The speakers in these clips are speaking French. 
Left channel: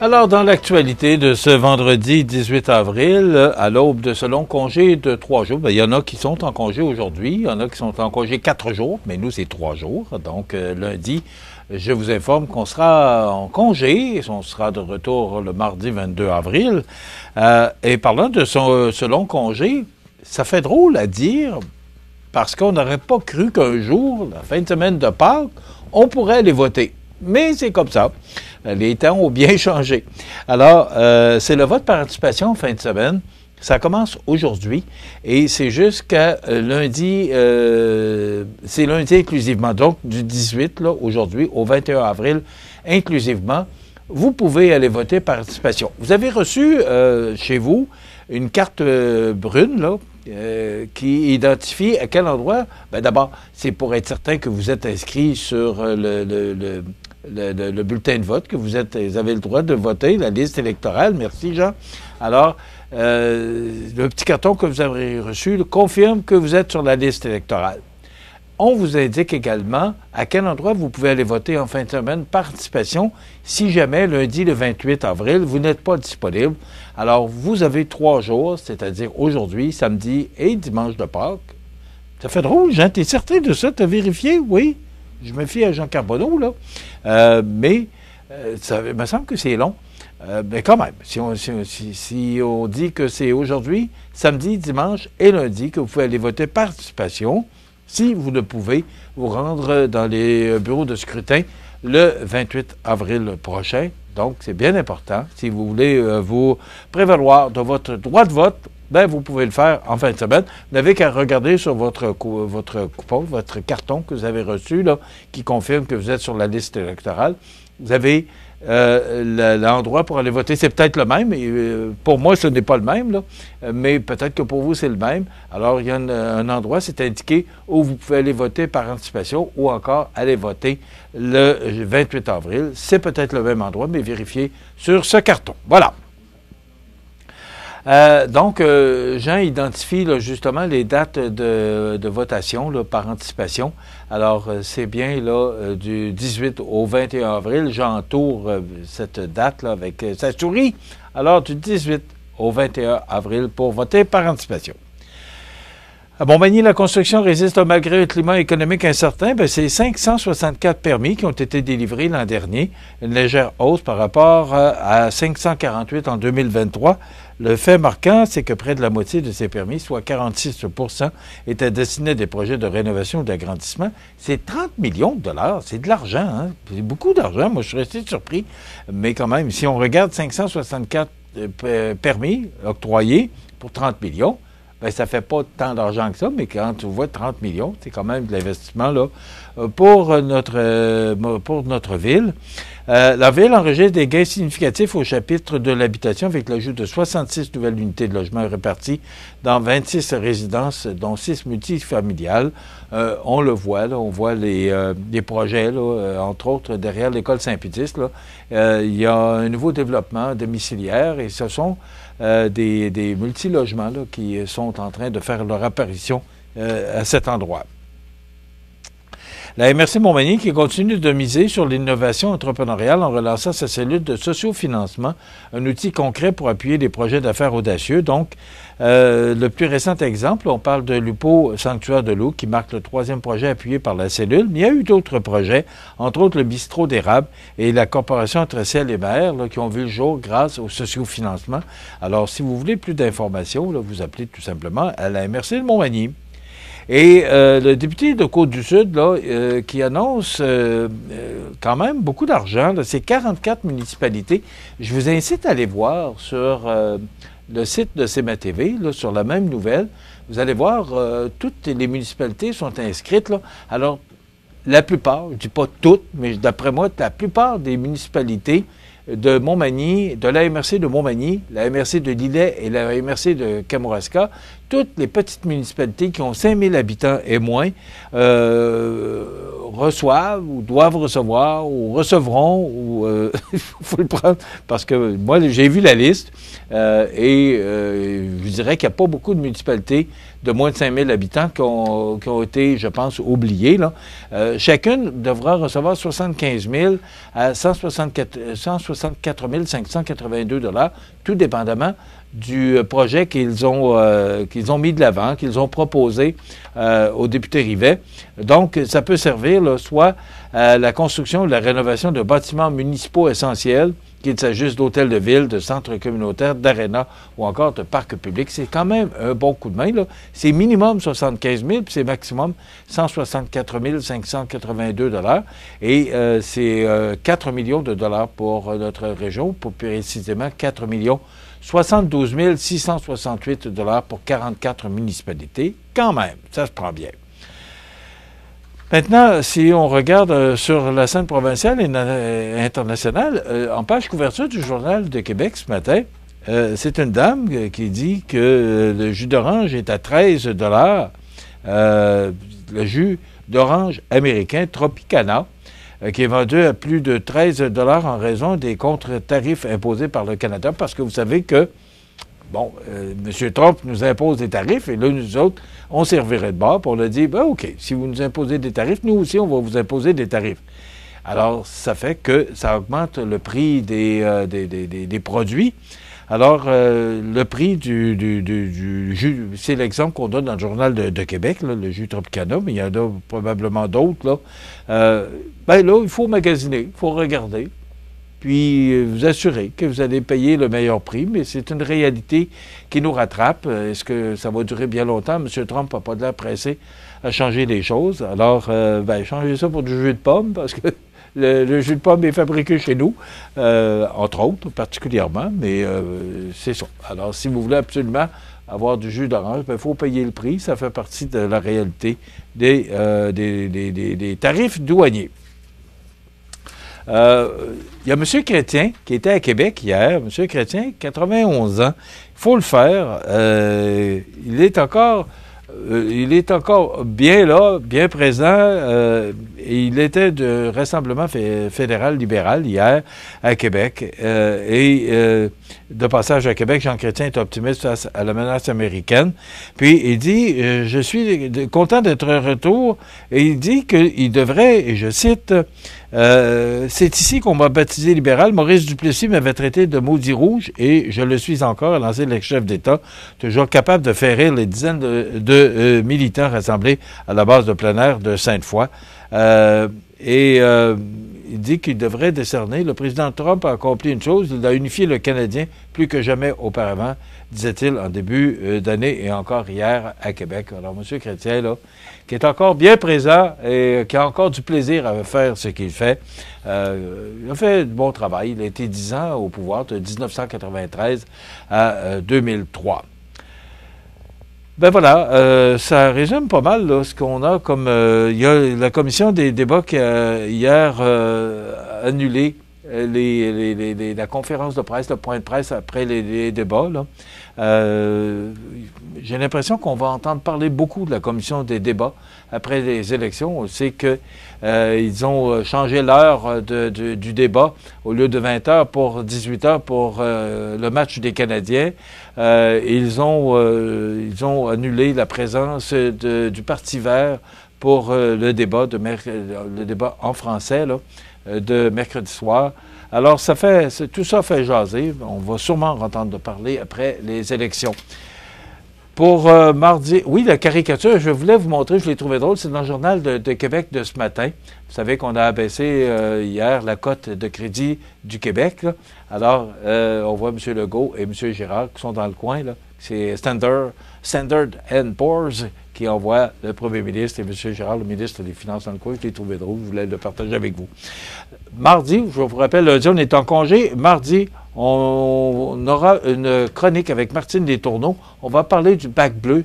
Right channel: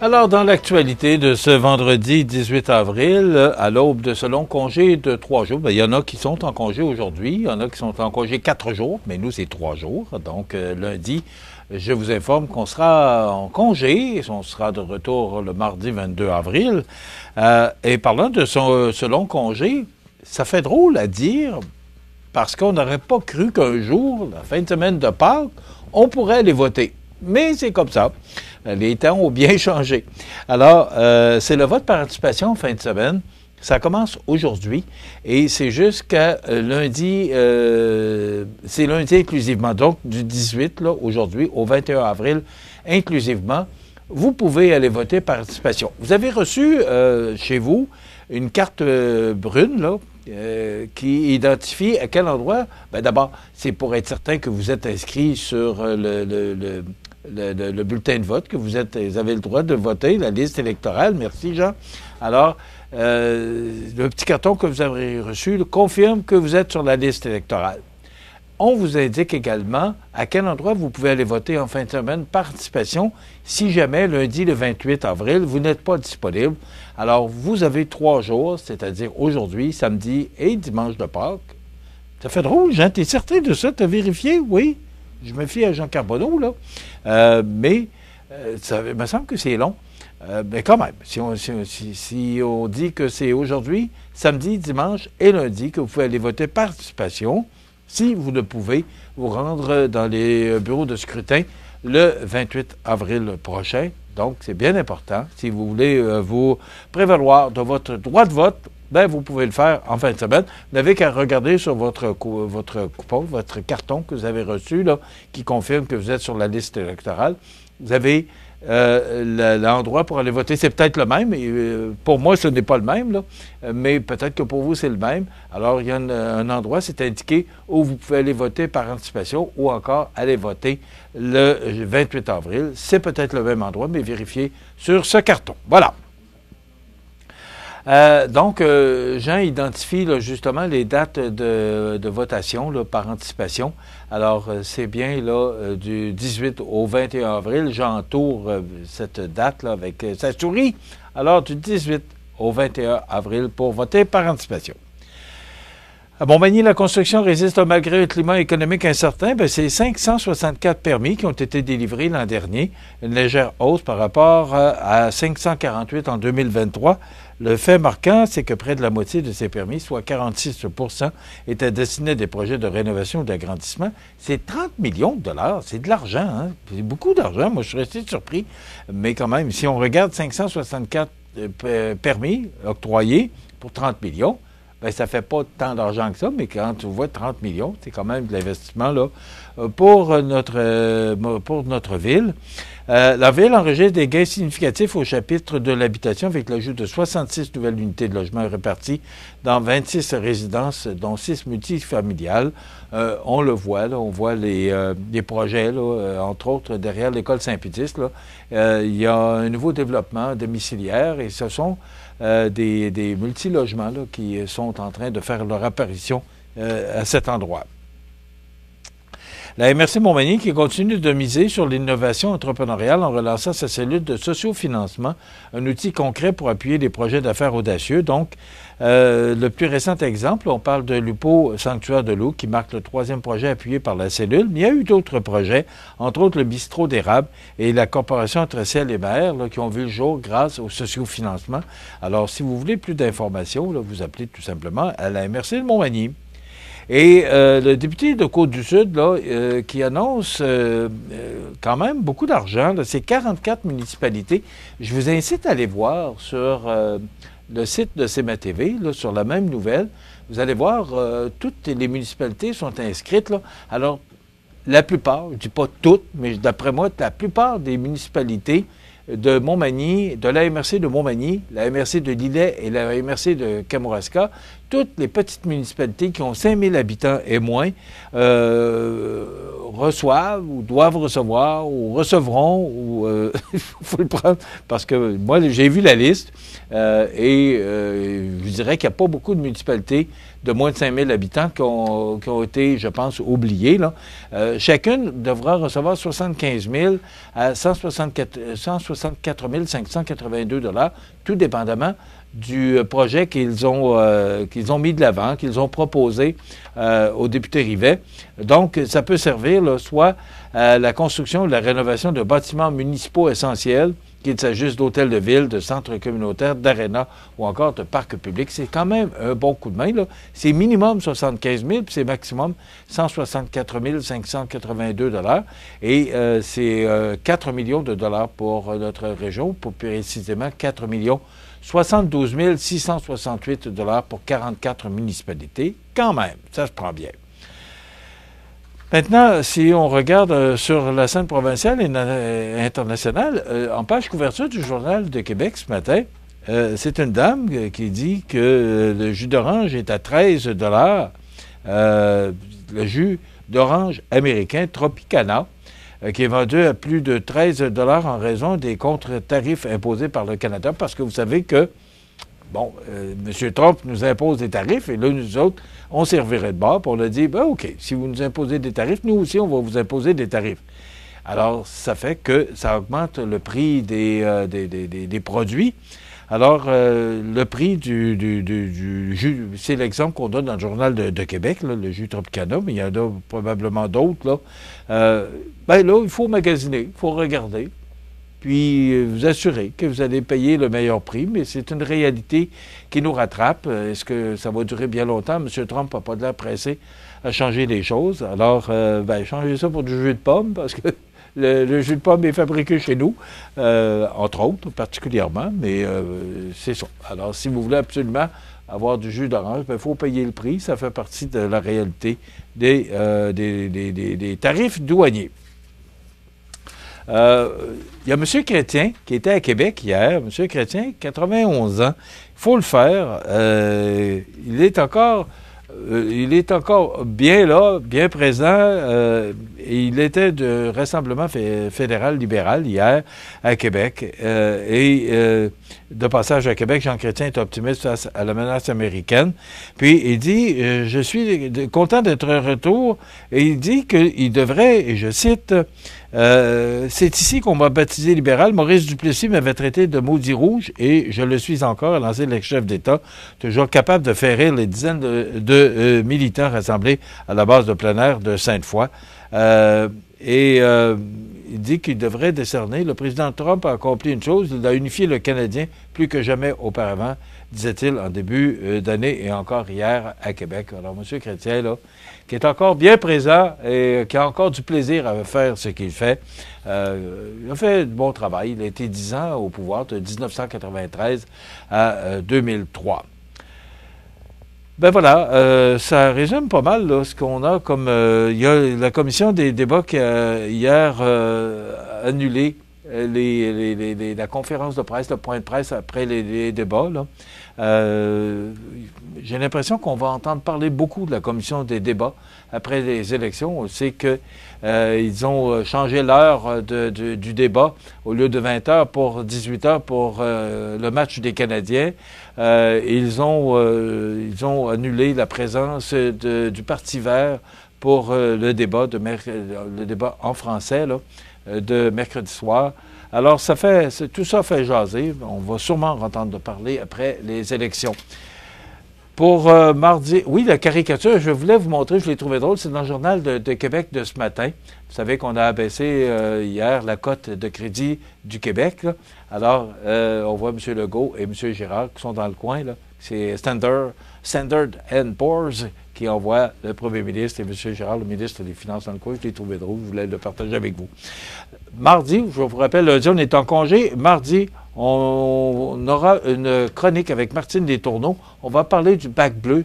Alors, dans l'actualité de ce vendredi 18 avril, à l'aube de ce long congé de 3 jours, il y en a qui sont en congé aujourd'hui, il y en a qui sont en congé 4 jours, mais nous, c'est 3 jours. Donc, lundi, je vous informe qu'on sera en congé, on sera de retour le mardi 22 avril. Et parlant de ce long congé, ça fait drôle à dire, parce qu'on n'aurait pas cru qu'un jour, la fin de semaine de Pâques, on pourrait aller voter. Mais c'est comme ça. Les temps ont bien changé. Alors, c'est le vote par anticipation en fin de semaine. Ça commence aujourd'hui et c'est jusqu'à lundi, c'est lundi inclusivement. Donc, du 18, là, aujourd'hui, au 21 avril, inclusivement, vous pouvez aller voter par anticipation. Vous avez reçu chez vous une carte brune, là, qui identifie à quel endroit. Ben d'abord, c'est pour être certain que vous êtes inscrit sur le bulletin de vote, que vous avez le droit de voter, la liste électorale. Merci, Jean. Alors, le petit carton que vous avez reçu confirme que vous êtes sur la liste électorale. On vous indique également à quel endroit vous pouvez aller voter en fin de semaine par anticipation si jamais lundi le 28 avril, vous n'êtes pas disponible. Alors, vous avez 3 jours, c'est-à-dire aujourd'hui, samedi et dimanche de Pâques. Ça fait drôle, Jean, t'es certain de ça? T'as vérifié? Oui. Je me fie à Jean Carbonneau, là. Mais ça me semble que c'est long. Mais quand même, si on dit que c'est aujourd'hui, samedi, dimanche et lundi que vous pouvez aller voter par anticipation, si vous ne pouvez vous rendre dans les bureaux de scrutin le 28 avril prochain. Donc, c'est bien important. Si vous voulez vous prévaloir de votre droit de vote, ben vous pouvez le faire en fin de semaine. Vous n'avez qu'à regarder sur votre coupon, votre carton que vous avez reçu, là, qui confirme que vous êtes sur la liste électorale. Vous avez l'endroit pour aller voter. C'est peut-être le même. Et, pour moi, ce n'est pas le même, là, mais peut-être que pour vous, c'est le même. Alors, il y a un endroit, c'est indiqué, où vous pouvez aller voter par anticipation ou encore aller voter le 28 avril. C'est peut-être le même endroit, mais vérifiez sur ce carton. Voilà. Donc, Jean identifie là, justement les dates de votation là, par anticipation. Alors, c'est bien là du 18 au 21 avril. J'entoure cette date là avec sa souris. Alors, du 18 au 21 avril pour voter par anticipation. À Montmagny, la construction résiste malgré un climat économique incertain. Ben, c'est 564 permis qui ont été délivrés l'an dernier, une légère hausse par rapport à 548 en 2023. Le fait marquant, c'est que près de la moitié de ces permis, soit 46 %, étaient destinés à des projets de rénovation ou d'agrandissement. C'est 30 millions de dollars. C'est de l'argent, hein? C'est beaucoup d'argent. Moi, je suis resté surpris. Mais quand même, si on regarde 564 permis octroyés pour 30 millions, ben, ça fait pas tant d'argent que ça, mais quand tu vois 30 millions, c'est quand même de l'investissement là pour notre ville. La ville enregistre des gains significatifs au chapitre de l'habitation avec l'ajout de 66 nouvelles unités de logement réparties dans 26 résidences, dont 6 multifamiliales. On le voit, là, on voit les projets, là, entre autres derrière l'école Saint-Pédis. Il y a un nouveau développement domiciliaire et ce sont des multilogements là, qui sont en train de faire leur apparition à cet endroit. La MRC Montmagny qui continue de miser sur l'innovation entrepreneuriale en relançant sa cellule de sociofinancement, un outil concret pour appuyer des projets d'affaires audacieux. Donc, le plus récent exemple, on parle de l'UPO Sanctuaire de l'eau qui marque le 3e projet appuyé par la cellule. Mais il y a eu d'autres projets, entre autres le bistrot d'érable et la corporation entre ciel et mer là, qui ont vu le jour grâce au sociofinancement. Alors, si vous voulez plus d'informations, là, vous appelez tout simplement à la MRC de Montmagny. Et le député de Côte-du-Sud, là, qui annonce quand même beaucoup d'argent, c'est 44 municipalités. Je vous incite à aller voir sur le site de CMA TV, là, sur la même nouvelle. Vous allez voir, toutes les municipalités sont inscrites. Là. Alors, la plupart, je ne dis pas toutes, mais d'après moi, la plupart des municipalités de Montmagny, de la MRC de Montmagny, la MRC de Lillet et la MRC de Kamouraska, toutes les petites municipalités qui ont 5000 habitants et moins reçoivent ou doivent recevoir ou recevront ou il faut le prendre parce que moi j'ai vu la liste je dirais qu'il n'y a pas beaucoup de municipalités de moins de 5000 habitants qui ont été, je pense, oubliés. Là. Chacune devra recevoir 75 000 à 164 582 $, tout dépendamment du projet qu'ils ont mis de l'avant, qu'ils ont proposé aux députés Rivet. Donc, ça peut servir là, soit à la construction ou la rénovation de bâtiments municipaux essentiels, qu'il s'agisse d'hôtels de ville, de centres communautaires, d'arénas ou encore de parcs publics. C'est quand même un bon coup de main. Là. C'est minimum 75 000, puis c'est maximum 164 582 $. Et c'est 4 millions de dollars pour notre région, pour précisément 4 millions 72 668 $ pour 44 municipalités. Quand même, ça se prend bien. Maintenant, si on regarde sur la scène provinciale et internationale, en page couverture du Journal de Québec ce matin, c'est une dame qui dit que le jus d'orange est à 13 $. Le jus d'orange américain Tropicana, qui est vendu à plus de 13 $ en raison des contre-tarifs imposés par le Canada, parce que vous savez que, bon, M. Trump nous impose des tarifs, et là, nous autres, on servirait de bord, puis on a dit, ben, OK, si vous nous imposez des tarifs, nous aussi, on va vous imposer des tarifs. Alors, ça fait que ça augmente le prix des produits. Alors, le prix du jus, c'est l'exemple qu'on donne dans le Journal de Québec, là, le jus Tropicana, mais il y en a probablement d'autres, là. Ben là, il faut magasiner, il faut regarder, puis vous assurer que vous allez payer le meilleur prix, mais c'est une réalité qui nous rattrape. Est-ce que ça va durer bien longtemps? M. Trump n'a pas de l'air pressé à changer les choses. Alors, changez ça pour du jus de pomme, parce que le jus de pomme est fabriqué chez nous, entre autres, particulièrement, mais c'est ça. Alors, si vous voulez absolument avoir du jus d'orange, il faut payer le prix. Ça fait partie de la réalité des tarifs douaniers. Il y a M. Chrétien qui était à Québec hier. M. Chrétien, 91 ans. Il faut le faire. Il est encore bien là, bien présent. Il était de Rassemblement fédéral libéral hier à Québec. De passage à Québec, Jean Chrétien est optimiste face à la menace américaine. Puis il dit, je suis content d'être de retour. Et il dit qu'il devrait, et je cite, c'est ici qu'on m'a baptisé libéral. Maurice Duplessis m'avait traité de maudit rouge et je le suis encore, a lancé l'ex-chef d'État, toujours capable de faire rire les dizaines de militants rassemblés à la base de plein air de Sainte-Foy. Il dit qu'il devrait décerner. Le président Trump a accompli une chose, il a unifié le Canadien plus que jamais auparavant, disait-il en début d'année et encore hier à Québec. Alors, M. Chrétien, là, qui est encore bien présent et qui a encore du plaisir à faire ce qu'il fait, il a fait du bon travail. Il a été 10 ans au pouvoir, de 1993 à 2003. Ben voilà, ça résume pas mal là, ce qu'on a comme... il y a la commission des débats qui a hier annulé la conférence de presse, le point de presse après les débats. Là. J'ai l'impression qu'on va entendre parler beaucoup de la commission des débats après les élections. On sait que ils ont changé l'heure du débat au lieu de 20 heures pour 18 heures pour le match des Canadiens. Ils ont annulé la présence du Parti vert pour le débat en français là, de mercredi soir. Alors, tout ça fait jaser. On va sûrement entendre parler après les élections. Pour mardi, oui, la caricature, je voulais vous montrer, je l'ai trouvé drôle, c'est dans le Journal de Québec de ce matin. Vous savez qu'on a abaissé hier la cote de crédit du Québec. Là. Alors, on voit M. Legault et M. Girard qui sont dans le coin. Là. C'est Standard & Poor's qui envoie le premier ministre et M. Girard, le ministre des Finances, dans le coin. Je l'ai trouvé drôle, je voulais le partager avec vous. Mardi, je vous rappelle, lundi, on est en congé. Mardi, on aura une chronique avec Martine Letourneau. On va parler du bac bleu.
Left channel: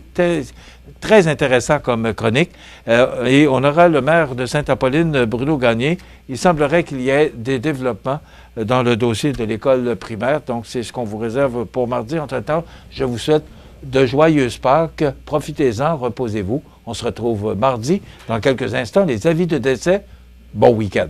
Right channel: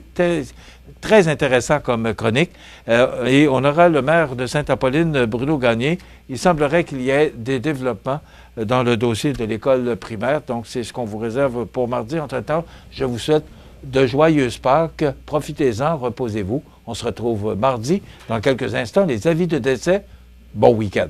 Très intéressant comme chronique. Et on aura le maire de Sainte-Apolline, Bruno Gagné. Il semblerait qu'il y ait des développements dans le dossier de l'école primaire. Donc, c'est ce qu'on vous réserve pour mardi. Entre-temps, je vous souhaite de joyeuses Pâques. Profitez-en, reposez-vous. On se retrouve mardi. Dans quelques instants, les avis de décès Bon week-end.